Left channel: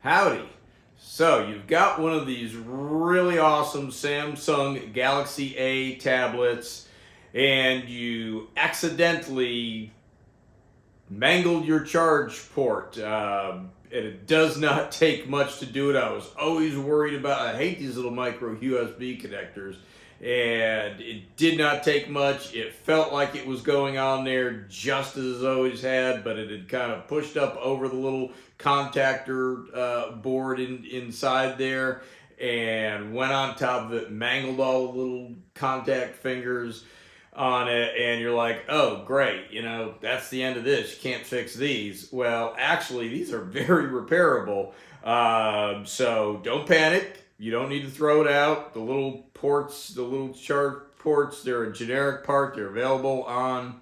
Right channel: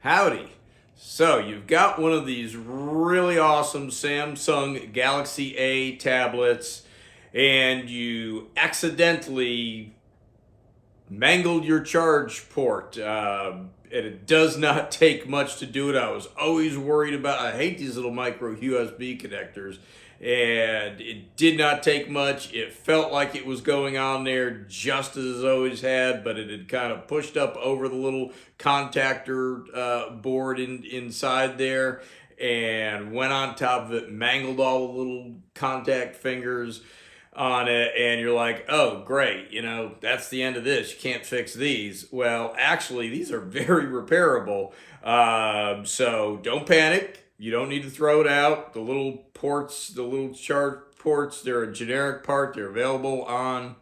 Howdy. So you've got one of these really awesome Samsung Galaxy A tablets, and you accidentally mangled your charge port. And it does not take much to do it. I was always worried about, I hate these little micro USB connectors. And it did not take much. It felt like it was going on there just as it always had, but it had kind of pushed up over the little contactor board inside there and went on top of it, mangled all the little contact fingers on it, and you're like, oh, great, that's the end of this. You can't fix these. Well, actually, these are very repairable. So don't panic. You don't need to throw it out. The little ports, the little charge ports, they're a generic part. They're available on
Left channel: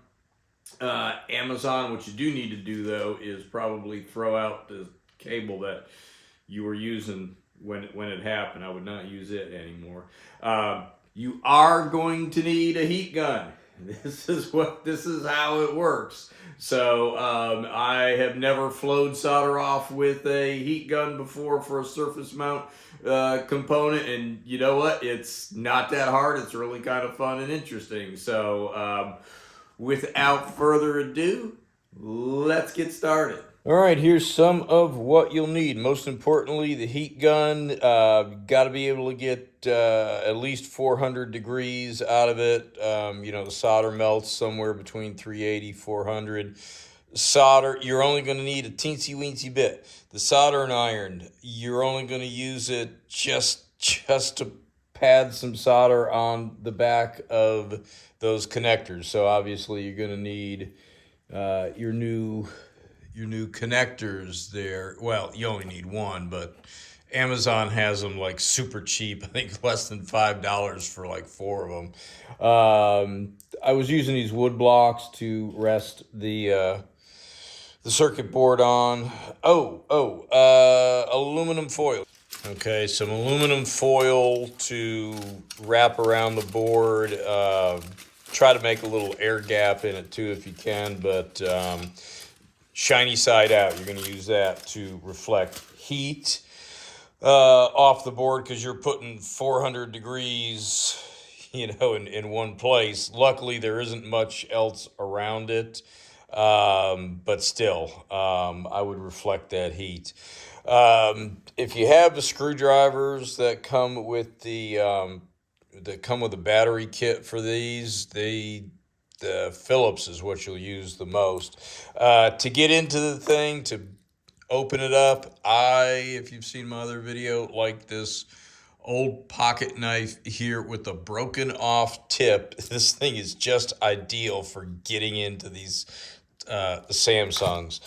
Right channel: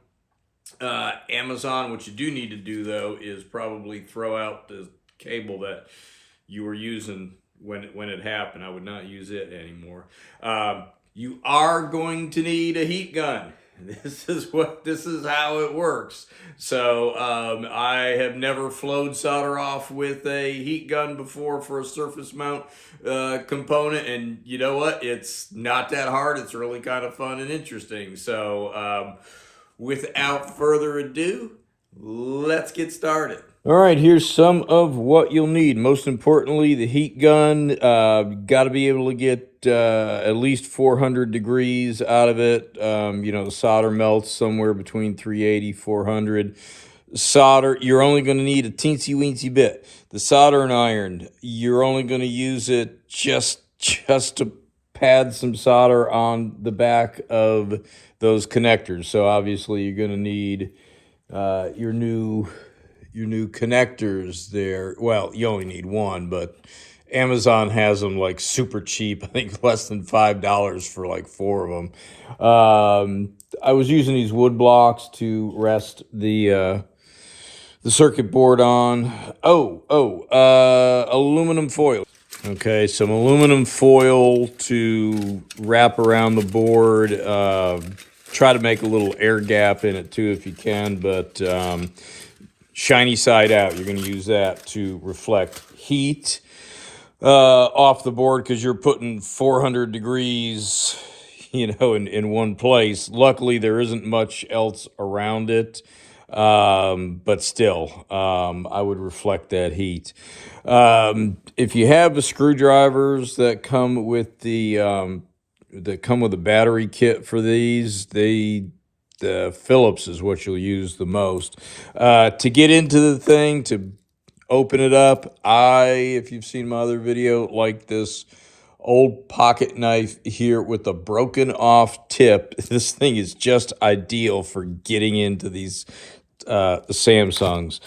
Amazon. What you do need to do, though, is probably throw out the cable that you were using when it happened. I would not use it anymore. You are going to need a heat gun. This is how it works. So I have never flowed solder off with a heat gun before for a surface mount component, and you know what? It's not that hard. It's really kind of fun and interesting. So without further ado, let's get started. All right, here's some of what you'll need. Most importantly, the heat gun. Got to be able to get at least 400 degrees out of it. The solder melts somewhere between 380, 400. Solder, you're only going to need a teensy-weensy bit. The soldering iron, you're only going to use it just to pad some solder on the back of those connectors. So obviously you're going to need your new connectors there. Well, you only need one, but Amazon has them like super cheap. I think less than $5 for like 4 of them. I was using these wood blocks to rest the circuit board on. Aluminum foil. Okay, some aluminum foil to wrap around the board. Try to make a little air gap in it too if you can, but shiny side out. You're going to use that to reflect heat off the board because you're putting 400 degrees, in one place. Luckily, there isn't much else around it, but still, I would reflect that heat. If you have the screwdrivers that come with the battery kit for these, the Phillips is what you'll use the most. To get into the thing, to open it up, if you've seen my other video, like this old pocket knife here with a broken off tip. This thing is just ideal for getting into these Samsungs.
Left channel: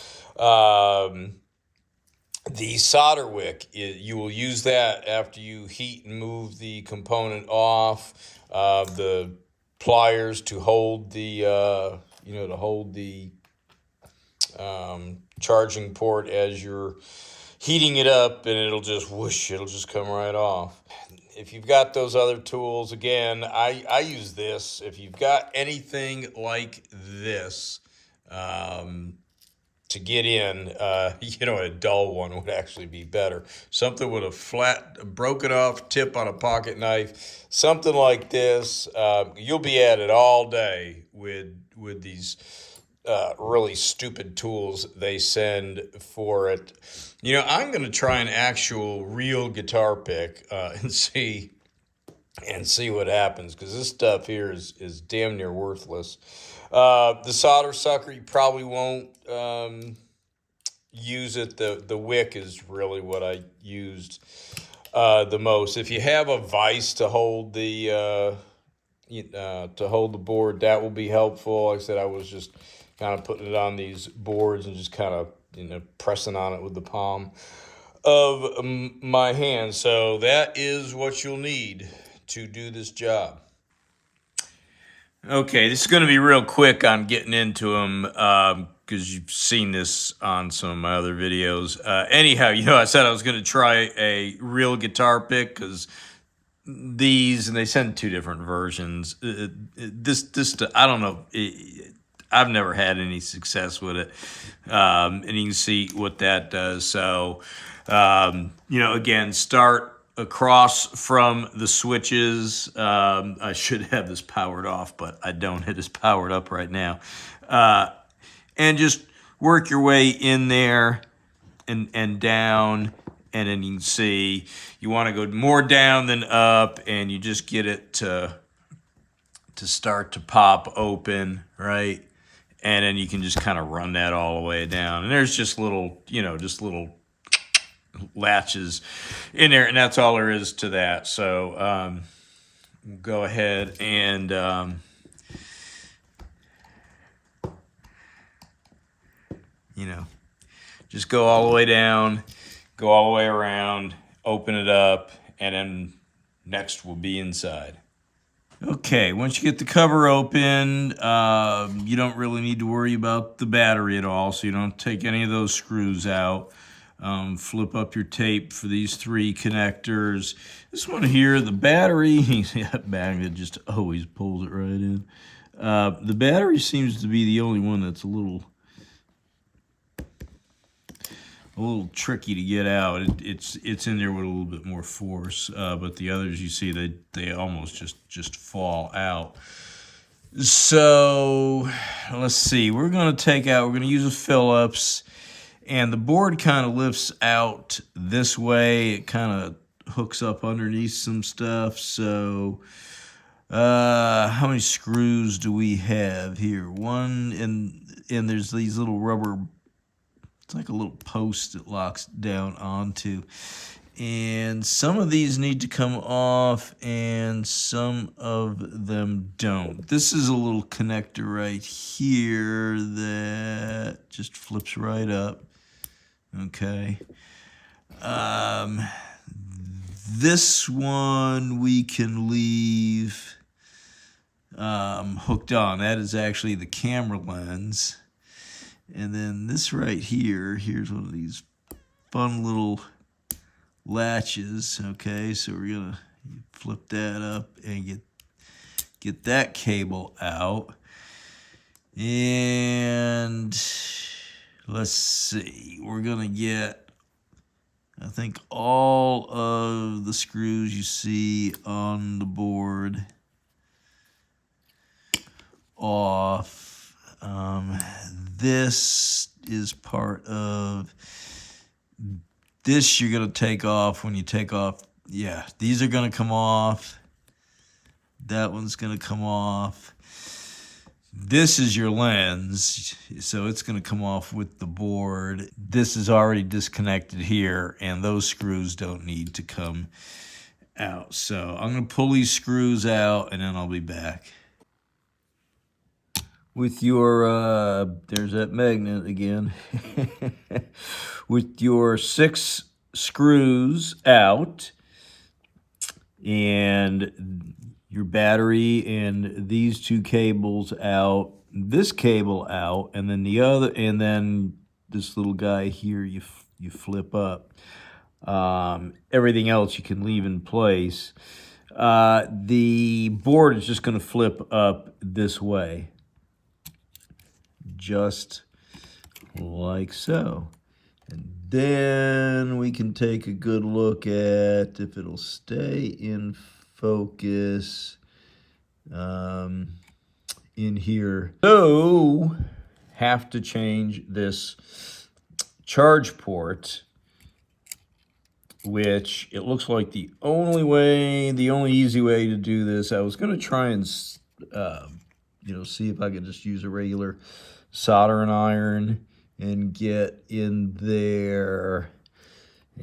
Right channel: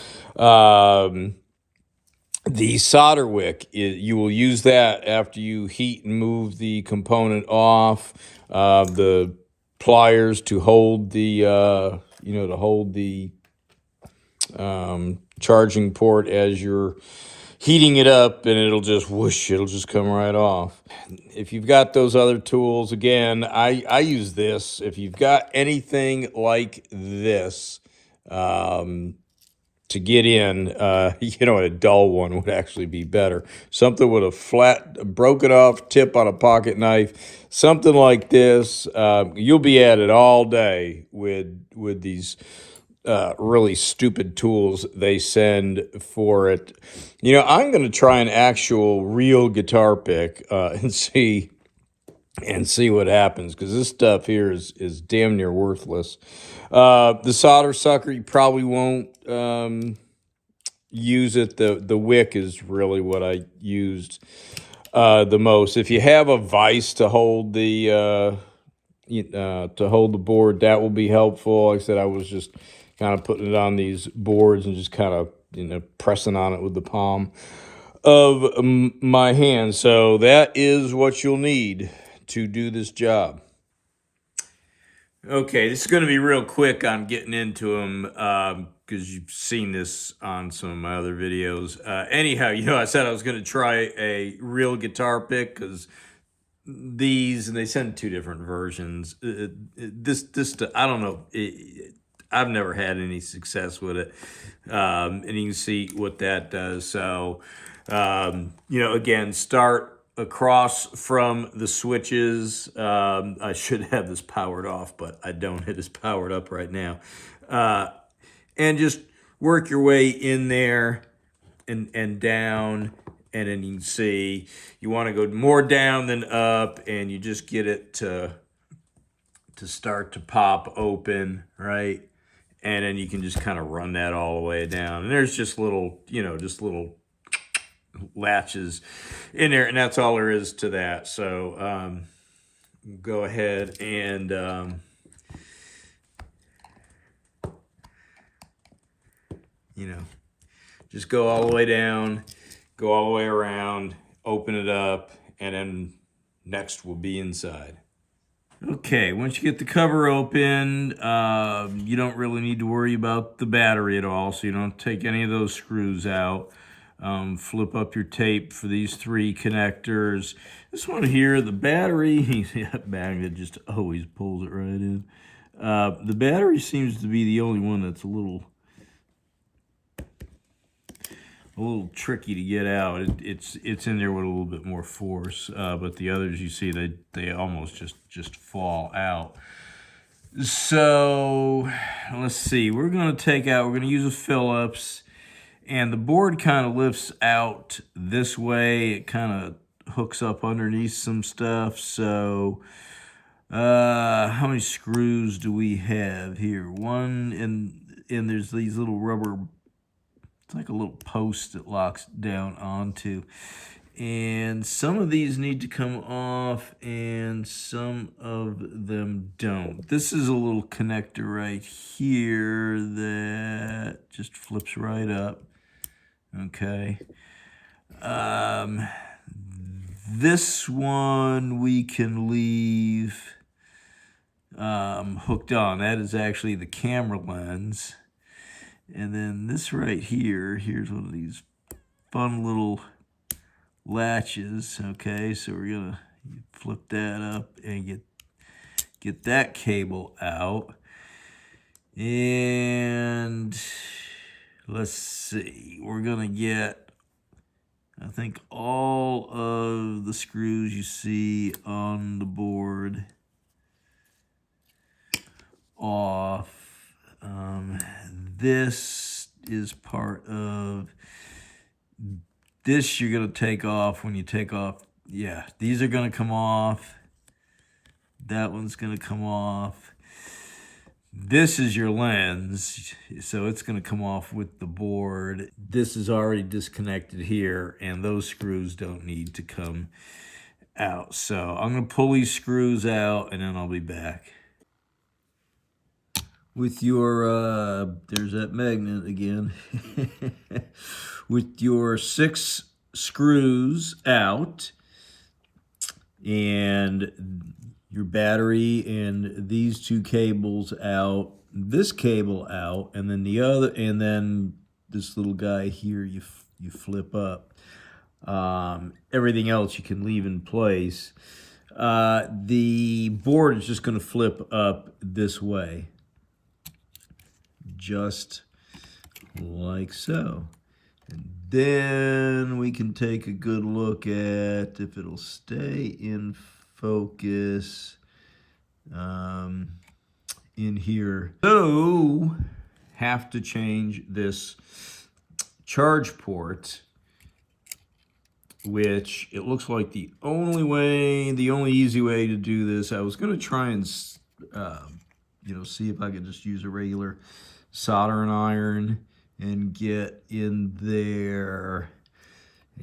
The solder wick, you will use that after you heat and move the component off. The pliers to hold the charging port as you're heating it up, and it'll just come right off. If you've got those other tools, again, I use this. If you've got anything like this, to get in, a dull one would actually be better. Something with a flat, broken off tip on a pocket knife, something like this. You'll be at it all day with these really stupid tools they send for it. I'm going to try an actual real guitar pick and see what happens, because this stuff here is damn near worthless. The solder sucker, you probably won't use it. The wick is really what I used the most. If you have a vise to hold the board, that will be helpful. Like I said, I was just kind of putting it on these boards and just kind of pressing on it with the palm of my hand. So that is what you'll need to do this job. Okay, this is going to be real quick on getting into them because you've seen this on some of my other videos. Anyhow, I said I was going to try a real guitar pick because these, and they send 2 different versions. I don't know. I've never had any success with it. And you can see what that does. So, you know, again, start across from the switches. I should have this powered off, but I don't. It is powered up right now. And just work your way in there and down. And then you can see you want to go more down than up, and you just get it to start to pop open, right? And then you can just kind of run that all the way down. And there's just little, you know, just little latches in there, and that's all there is to that. So go ahead and you know, just go all the way down, go all the way around, open it up, and then next will be inside. Okay, once you get the cover open, you don't really need to worry about the battery at all, so you don't take any of those screws out. Flip up your tape for these 3 connectors. This one here, the battery, that magnet just always pulls it right in. The battery seems to be the only one that's a little tricky to get out. It's in there with a little bit more force, but the others, you see, they almost just fall out. So let's see. We're going to use a Phillips, and the board kind of lifts out this way. It kind of hooks up underneath some stuff. So how many screws do we have here? One, and there's these little rubber. It's like a little post that locks down onto. And some of these need to come off and some of them don't. This is a little connector right here that just flips right up. Okay. This one we can leave hooked on. That is actually the camera lens. And then this right here, here's one of these fun little latches. Okay, so we're gonna flip that up and get that cable out. And let's see, we're gonna get, I think, all of the screws you see on the board off. This is part of this. You're going to take off when you take off. Yeah, these are going to come off. That one's going to come off. This is your lens, so it's going to come off with the board. This is already disconnected here, and those screws don't need to come out. So I'm going to pull these screws out, and then I'll be back. With your, there's that magnet again. With your 6 screws out and your battery and these 2 cables out, this cable out, and then the other, and then this little guy here you flip up. Everything else you can leave in place. The board is just going to flip up this way. Just like so. And then we can take a good look at if it'll stay in focus in here. So, have to change this charge port, which it looks like the only easy way to do this. I was going to try and see if I could just use a regular soldering iron and get in there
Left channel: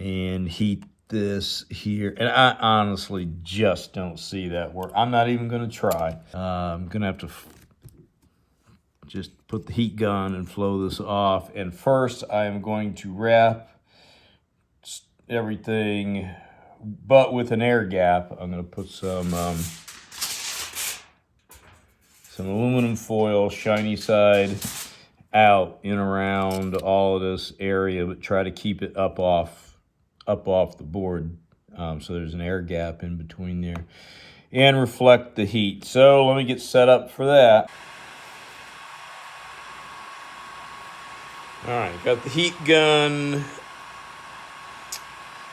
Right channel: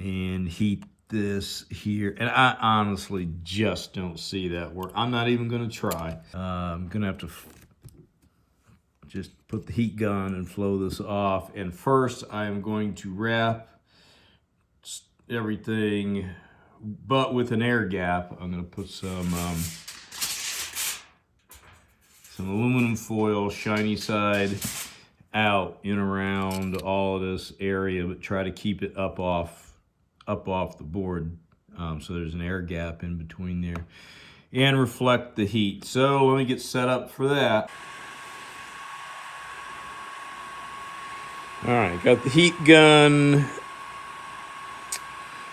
and heat this here. And I honestly just don't see that work. I'm not even going to try. I'm going to have to just put the heat gun and flow this off. And first I am going to wrap everything, but with an air gap. I'm going to put some aluminum foil, shiny side out in around all of this area, but try to keep it up off the board, so there's an air gap in between there, and reflect the heat. So let me get set up for that. All right, got the heat gun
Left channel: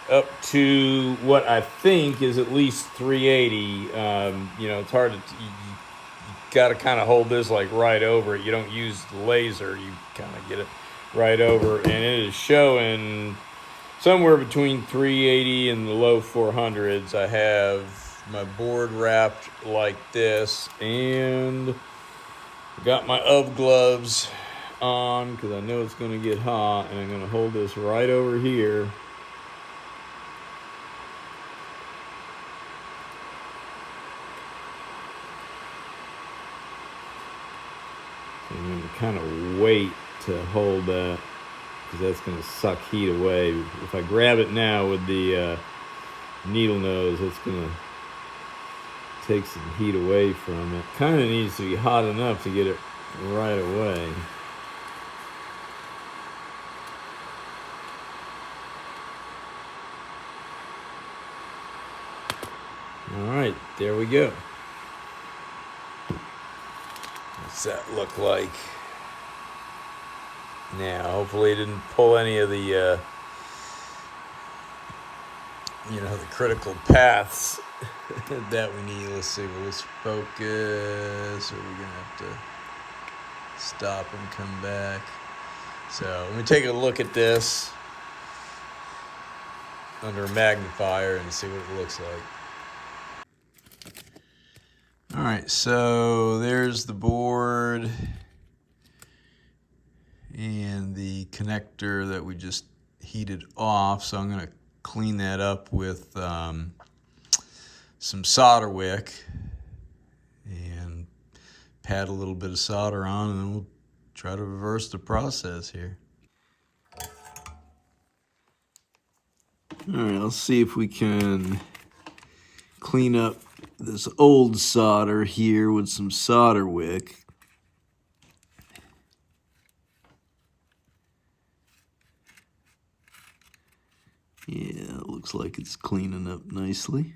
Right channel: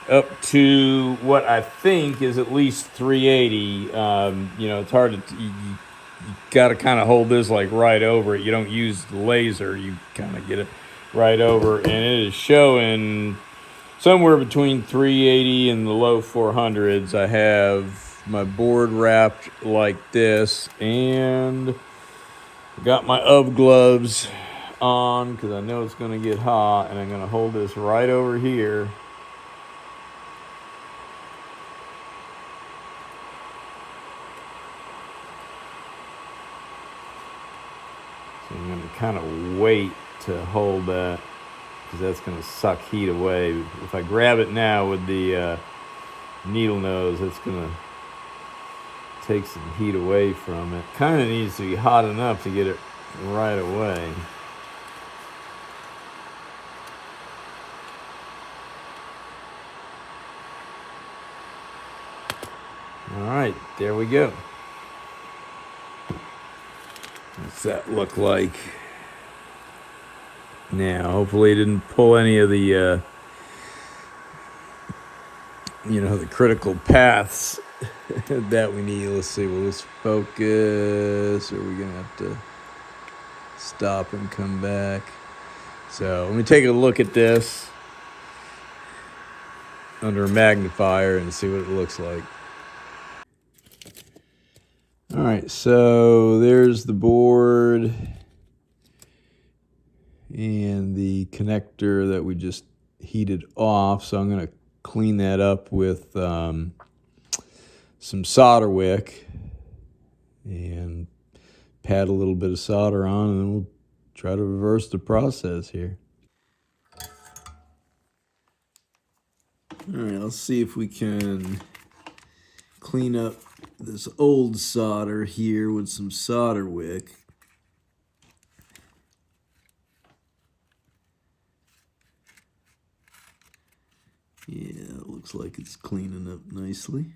up to what I think is at least 380. It's hard to, you got to kind of hold this like right over it. You don't use the laser, you kind of get it right over, and it is showing somewhere between 380 and the low 400s. I have my board wrapped like this, and got my UV gloves on because I know it's going to get hot, and I'm going to hold this right over here. So I'm going to kind of wait to hold that because that's going to suck heat away. If I grab it now with the needle nose, it's going to take some heat away from it. Kind of needs to be hot enough to get it right away. All right, there we go. What's that look like? Yeah, hopefully it didn't pull any of the the critical paths that we need. Let's see, will this focus? Or are we gonna have to stop and come back? So let me take a look at this under a magnifier and see what it looks like. All right, so there's the board and the connector that we just heated off. So I'm gonna clean that up with some solder wick and pat a little bit of solder on, and then we'll try to reverse the process here. All right, let's see if we can clean up this old solder here with some solder wick. Yeah, it looks like it's cleaning up nicely.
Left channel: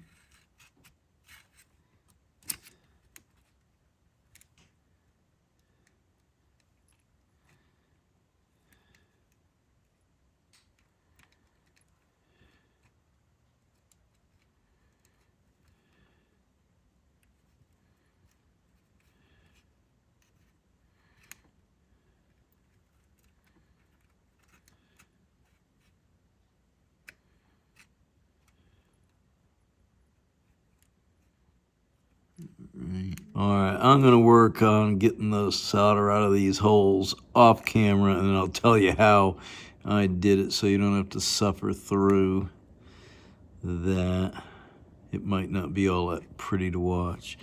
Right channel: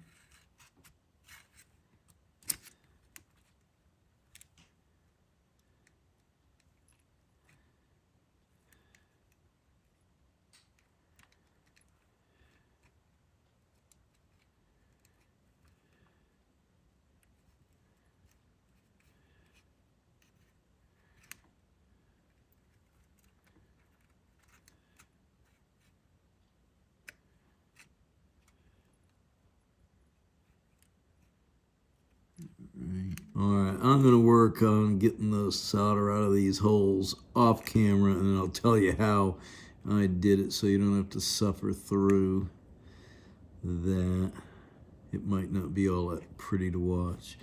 All right, I'm going to work on getting the solder out of these holes off camera, and then I'll tell you how I did it so you don't have to suffer through that. It might not be all that pretty to watch.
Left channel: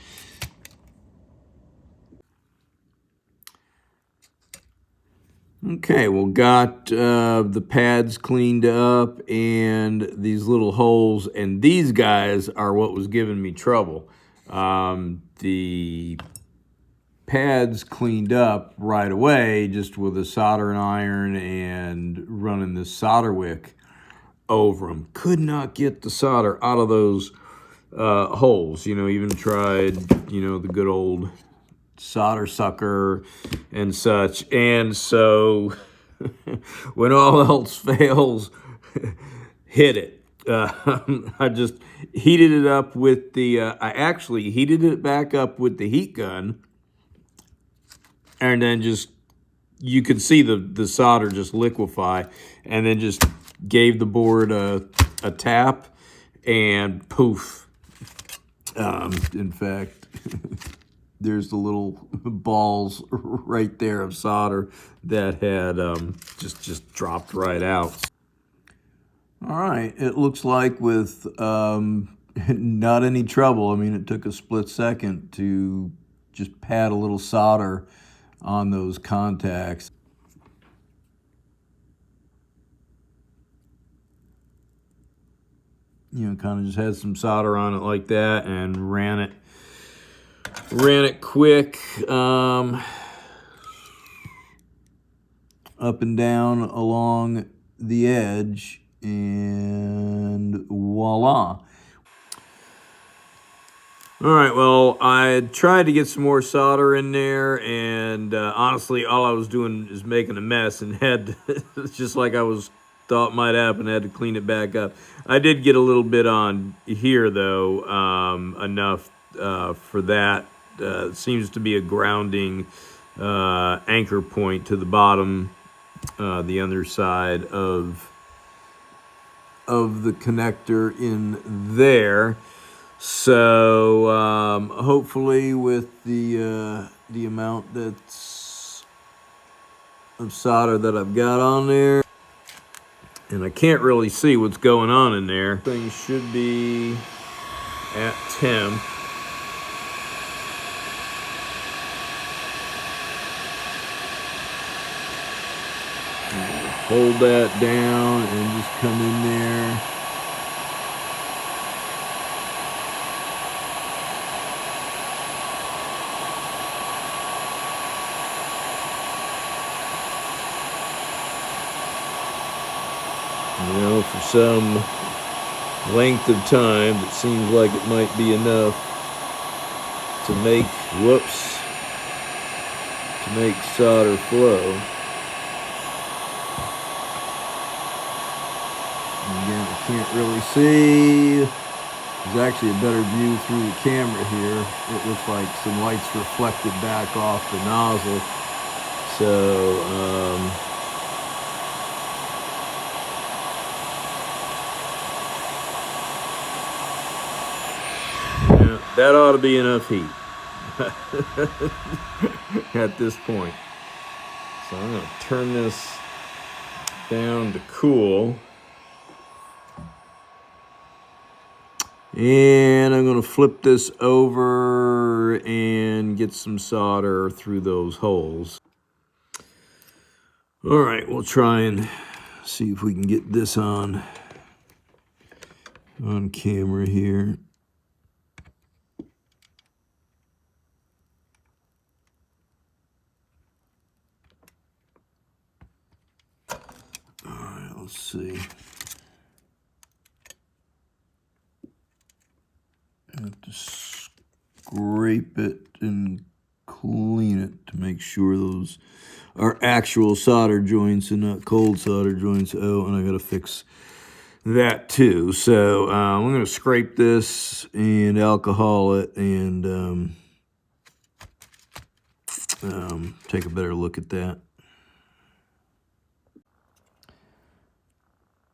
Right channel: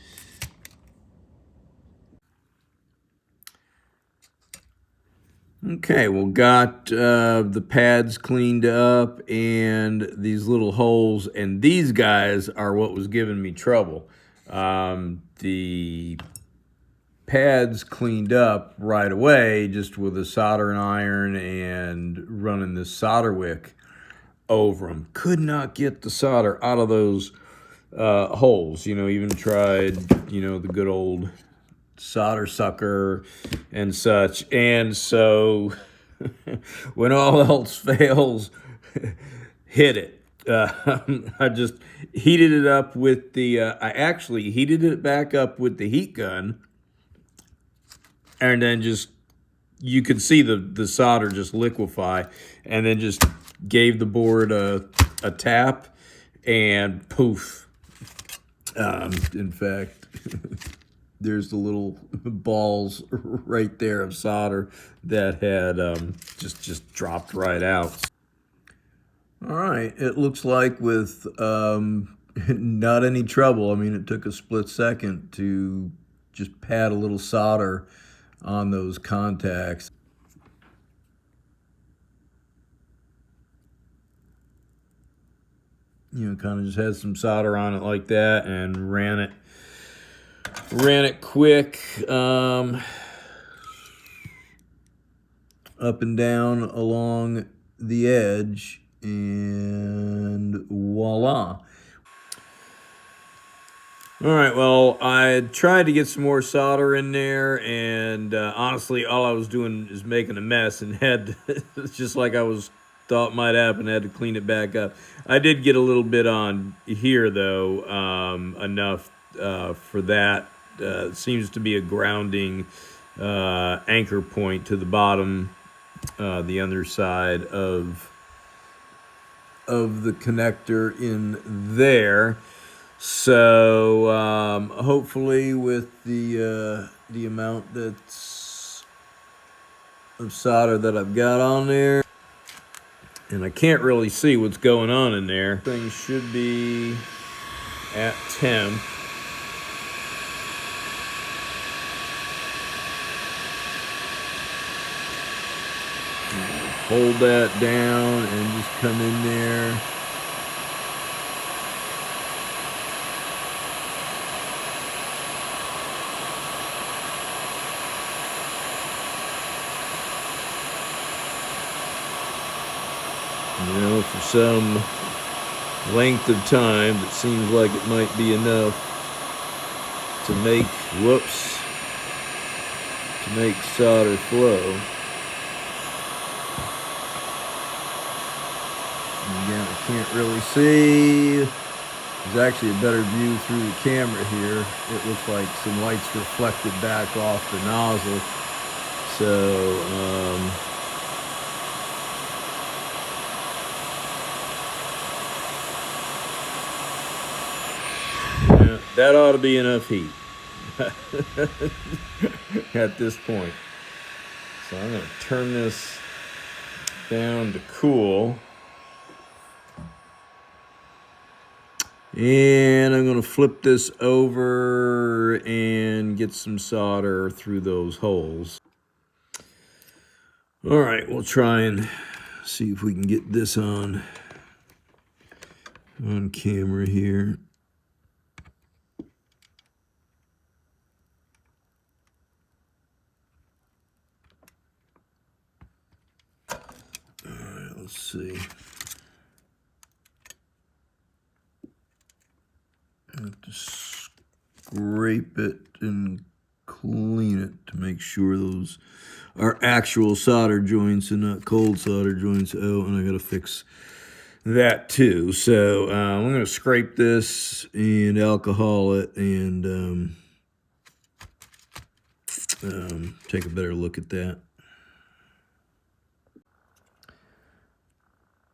Okay, well, got the pads cleaned up and these little holes, and these guys are what was giving me trouble. The pads cleaned up right away just with a soldering iron and running this solder wick over them. Could not get the solder out of those holes. Even tried, the good old solder sucker and such. And so when all else fails, hit it. I just heated it up with the, I actually heated it back up with the heat gun, and then just, you could see the solder just liquefy, and then just gave the board a tap, and poof. In fact, there's the little balls right there of solder that had just dropped right out. All right, it looks like with not any trouble. I mean, it took a split second to just pat a little solder on those contacts. Kind of just had some solder on it like that and ran it quick, up and down along the edge, and voila. All right, well, I tried to get some more solder in there, and honestly, all I was doing is making a mess, and had it's just like I was thought might happen. I had to clean it back up. I did get a little bit on here, though, enough for that. Seems to be a grounding anchor point to the bottom, the underside of the connector in there. So hopefully, with the amount that's of solder that I've got on there, and I can't really see what's going on in there. Things should be at temp. Hold that down and just come in there. You know, for some length of time that seems like it might be enough to make, to make solder flow. Again, I can't really see. There's actually a better view through the camera here. It looks like some light's reflected back off the nozzle. So, yeah, that ought to be enough heat at this point. So I'm going to turn this down to cool. And I'm going to flip this over and get some solder through those holes. All right, we'll try and see if we can get this on camera here. All right, let's see. I have to scrape it and clean it to make sure those are actual solder joints and not cold solder joints. Oh, and I got to fix that too. So I'm going to scrape this and alcohol it and take a better look at that.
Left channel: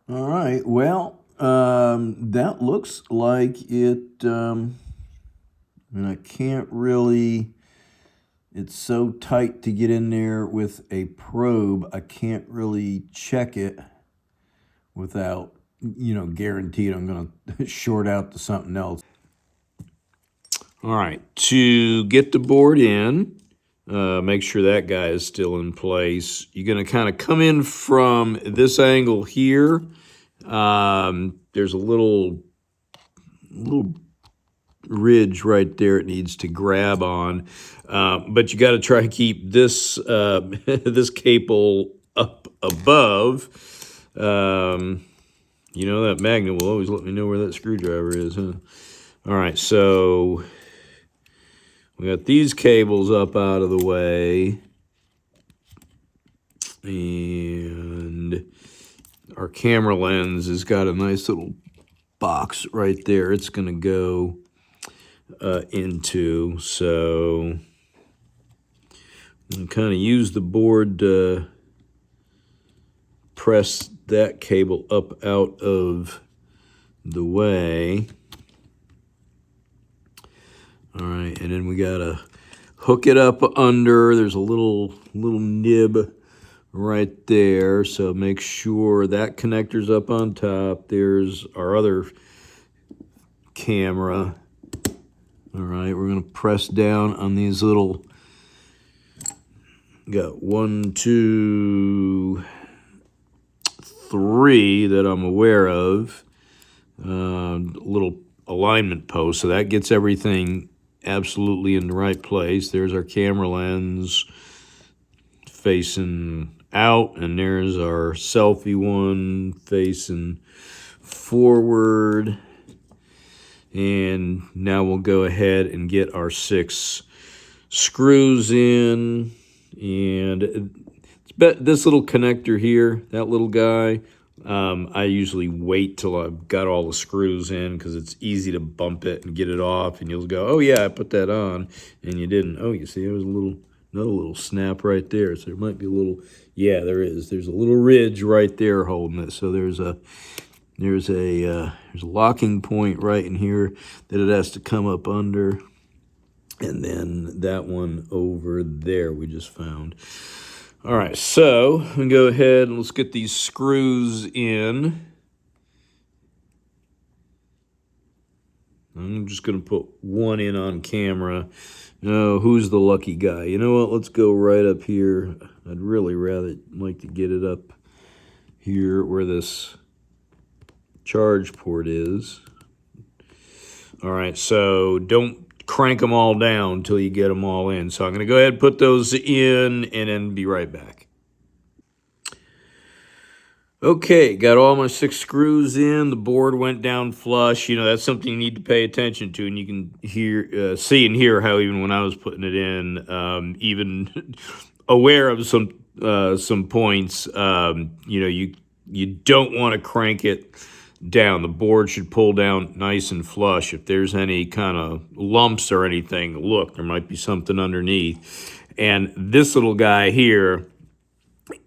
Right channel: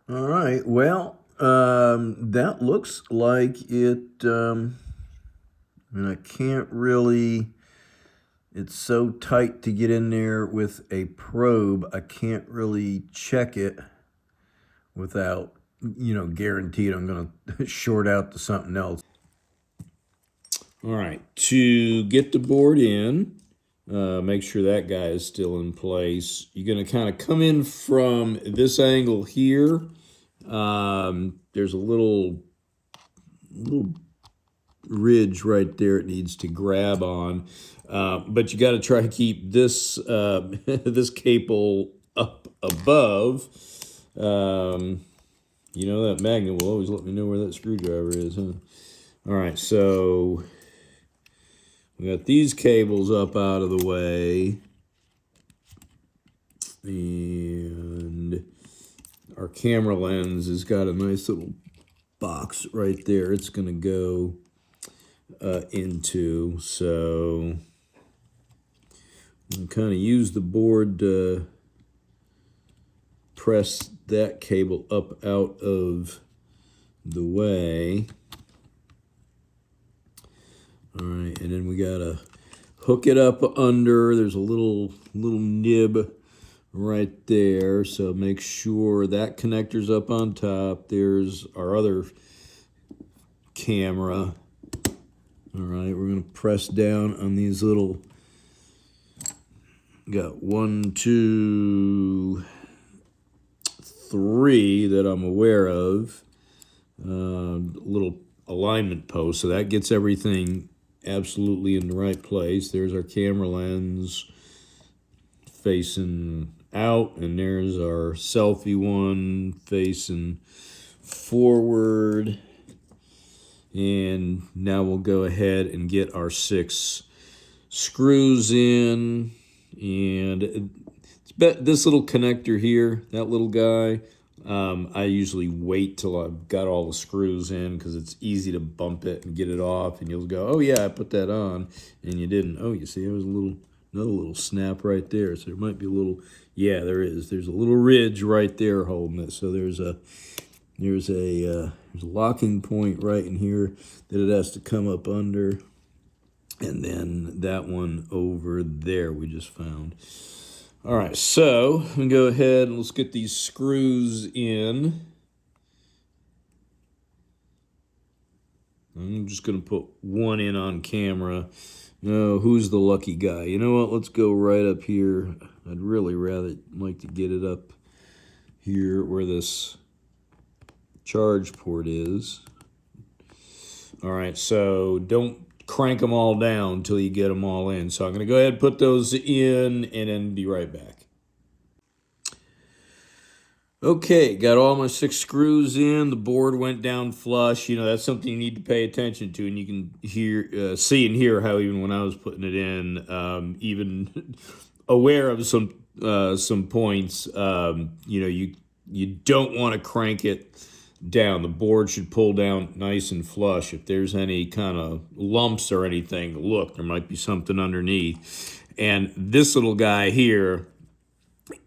All right, well, that looks like it, and I can't really, it's so tight to get in there with a probe, I can't really check it without, you know, guaranteed I'm going to short out to something else. All right, to get the board in, make sure that guy is still in place. You're going to kind of come in from this angle here. There's a little ridge right there it needs to grab on, but you got to try to keep this this cable up above. You know, that magnet will always let me know where that screwdriver is, huh? All right, so we got these cables up out of the way, and our camera lens has got a nice little box right there it's going to go into. So I'm going to kind of use the board to press that cable up out of the way. All right, and then we got to hook it up under. There's a little nib right there, so make sure that connector's up on top. There's our other camera. All right, we're going to press down on these little, got 1, 2, 3 that I'm aware of, little alignment posts, so that gets everything absolutely in the right place. There's our camera lens facing out, and there's our selfie one facing forward. And now we'll go ahead and get our 6 screws in. And this little connector here, that little guy, I usually wait till I've got all the screws in because it's easy to bump it and get it off. And you'll go, oh yeah, I put that on. And you didn't. Oh, you see, there was another little snap right there. So there might be a little, yeah, there is. There's a little ridge right there holding it. So there's a locking point right in here that it has to come up under. And then that one over there we just found. All right, so we can go ahead and let's get these screws in. I'm just going to put one in on camera. Now, who's the lucky guy? You know what? Let's go right up here. I'd really rather like to get it up here where this charge port is. All right, so don't crank them all down until you get them all in. So I'm going to go ahead and put those in and then be right back. Okay, got all my 6 screws in. The board went down flush. You know, that's something you need to pay attention to, and you can see and hear how even when I was putting it in, even aware of some points, you know, you don't want to crank it down. The board should pull down nice and flush. If there's any kind of lumps or anything, look, there might be something underneath. And this little guy here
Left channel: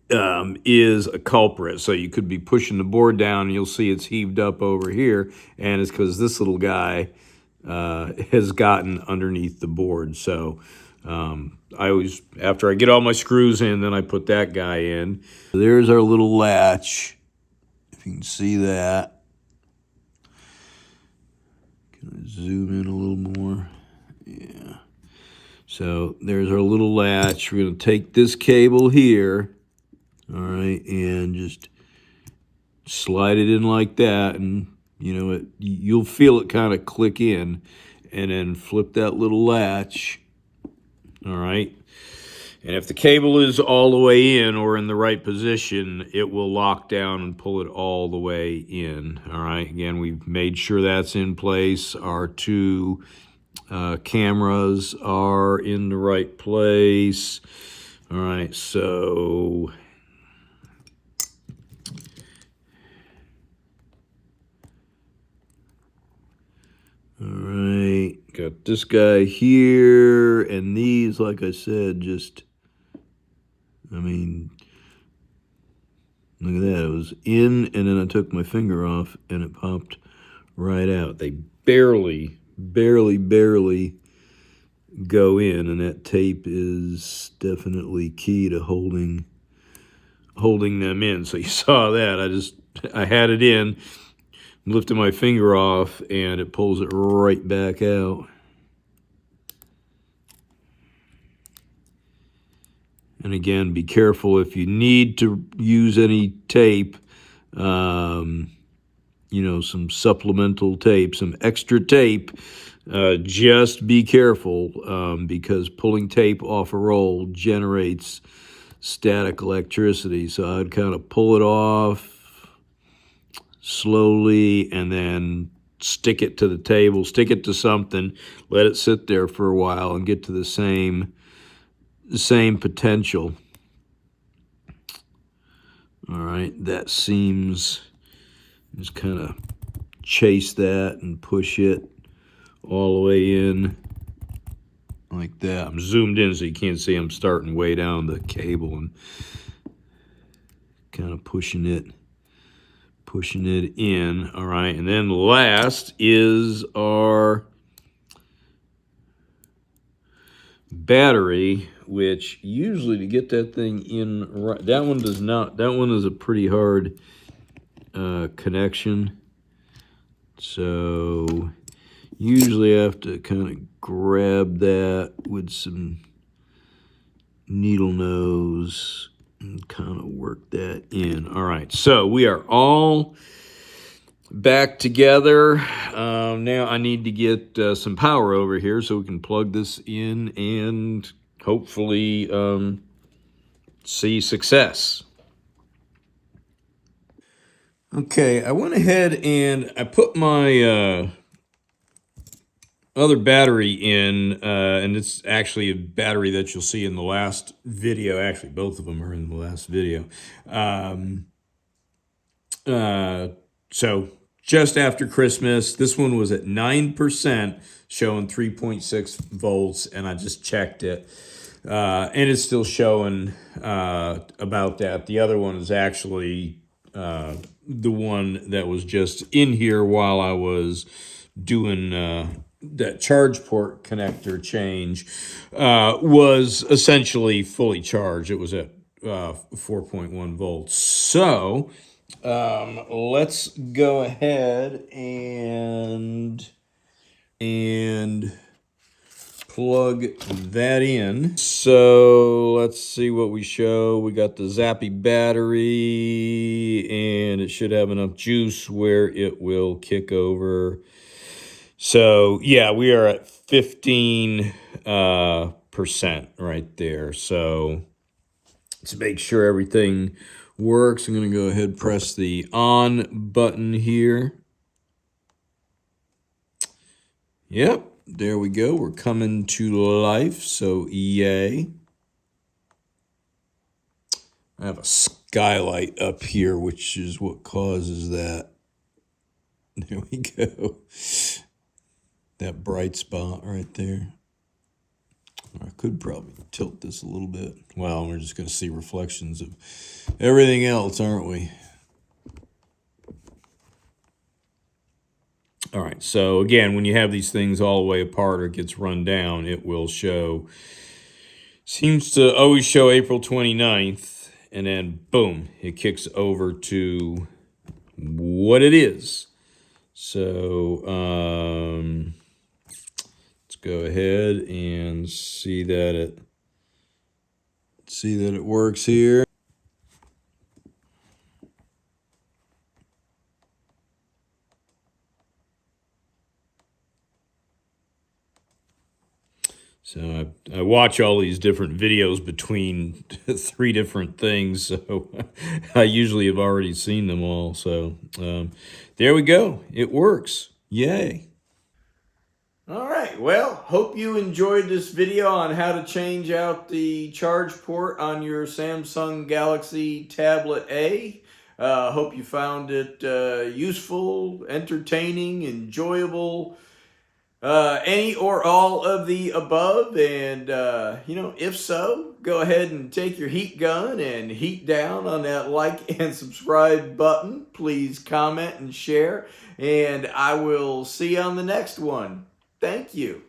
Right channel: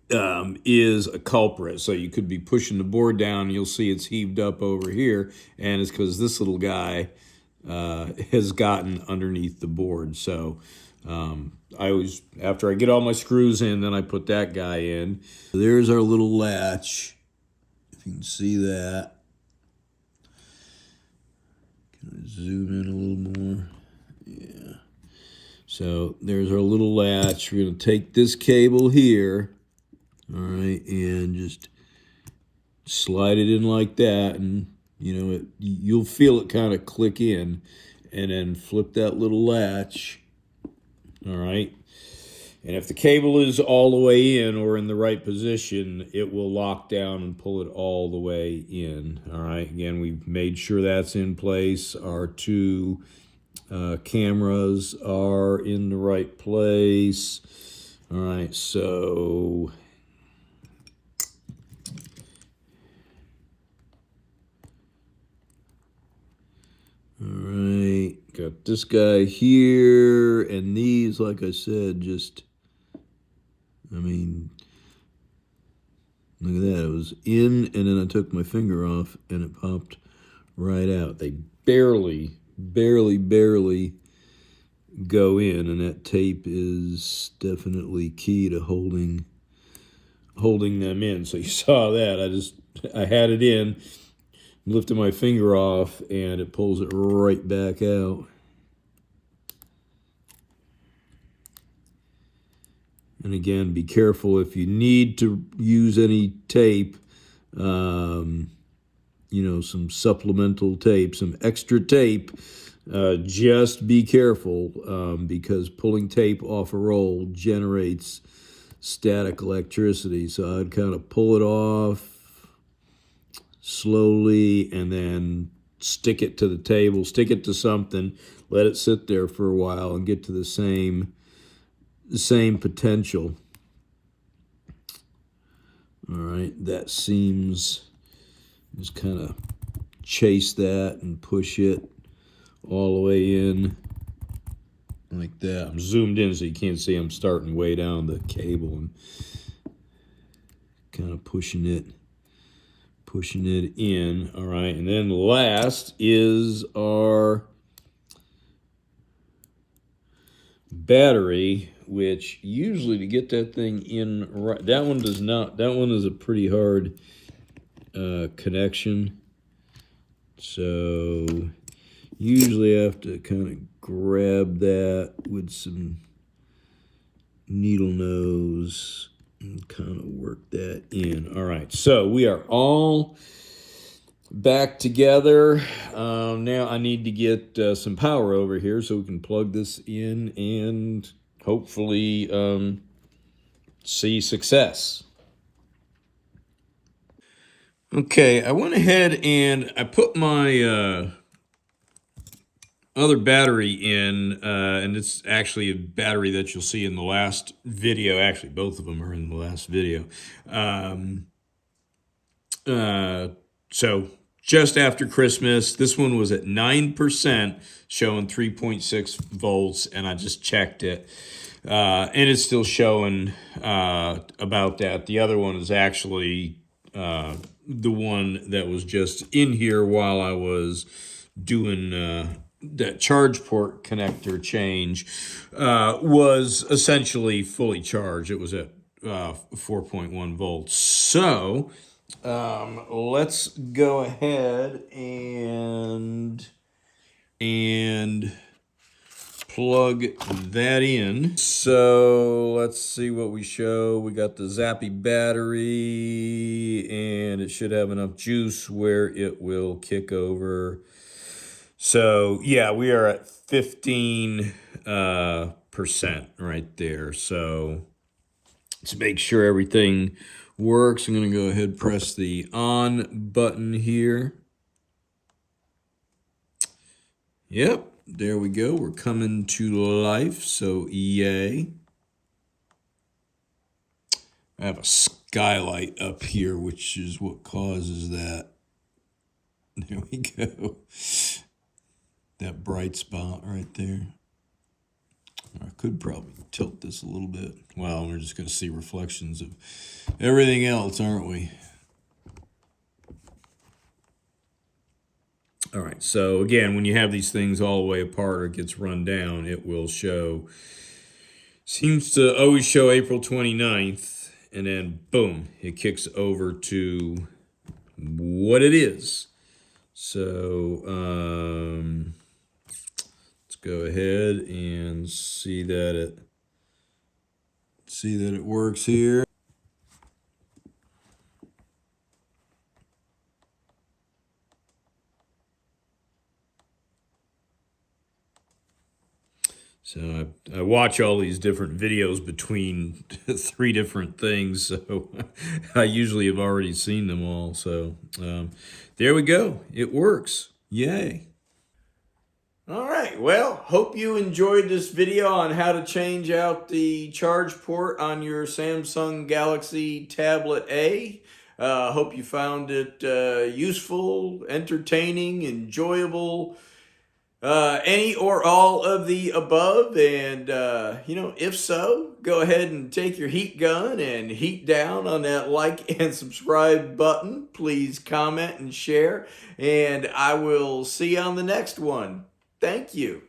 is a culprit. So you could be pushing the board down and you'll see it's heaved up over here, and it's because this little guy has gotten underneath the board. So I always, after I get all my screws in, then I put that guy in. There's our little latch, if you can see that. Can I zoom in a little more? Yeah. So there's our little latch. We're going to take this cable here, all right, and just slide it in like that, and you know you'll feel it kind of click in, and then flip that little latch, all right. And if the cable is all the way in or in the right position, it will lock down and pull it all the way in. All right, again, we've made sure that's in place. Our 2 cameras are in the right place. All right, so all right, got this guy here, and these, like I said, just, I mean, look at that. It was in, and then I took my finger off, and it popped right out. They barely go in, and that tape is definitely key to holding them in. So you saw that. I had it in, lifted my finger off, and it pulls it right back out. And again, be careful if you need to use any tape, you know, some supplemental tape, some extra tape, just be careful because pulling tape off a roll generates static electricity. So I'd kind of pull it off slowly and then stick it to the table, stick it to something, let it sit there for a while and get to the same potential. All right, that seems, just kind of chase that and push it all the way in like that. I'm zoomed in so you can't see I'm starting way down the cable and kind of pushing it in. All right, and then last is our battery, which usually to get that thing in right, that one does not, that one is a pretty hard connection. So usually I have to kind of grab that with some needle nose and kind of work that in. All right, so we are all back together. Now I need to get some power over here so we can plug this in and hopefully see success. Okay, I went ahead and I put my other battery in, and it's actually a battery that you'll see in the last video. Actually, both of them are in the last video. So just after Christmas, this one was at 9%, showing 3.6 volts, and I just checked it. And it's still showing about that. The other one is actually the one that was just in here while I was doing that charge port connector change, was essentially fully charged. It was at 4.1 volts. So let's go ahead and plug that in. So let's see what we show. We got the Zappy battery, and it should have enough juice where it will kick over. So yeah, we are at 15% right there. So let's make sure everything works. I'm going to go ahead and press the on button here. Yep, there we go. We're coming to life, so yay. I have a skylight up here, which is what causes that. There we go. That bright spot right there. I could probably tilt this a little bit. Well, we're just going to see reflections of everything else, aren't we? All right, so again, when you have these things all the way apart or it gets run down, it will show, seems to always show April 29th, and then boom, it kicks over to what it is. So let's go ahead and see that it works here. So I watch all these different videos between 3 different things, so I usually have already seen them all. So there we go. It works. Yay. All right, well, hope you enjoyed this video on how to change out the charge port on your Samsung Galaxy Tablet A. Hope you found it useful, entertaining, enjoyable, any or all of the above. And, if so, go ahead and take your heat gun and heat down on that like and subscribe button. Please comment and share, and I will see you on the next one. Thank you.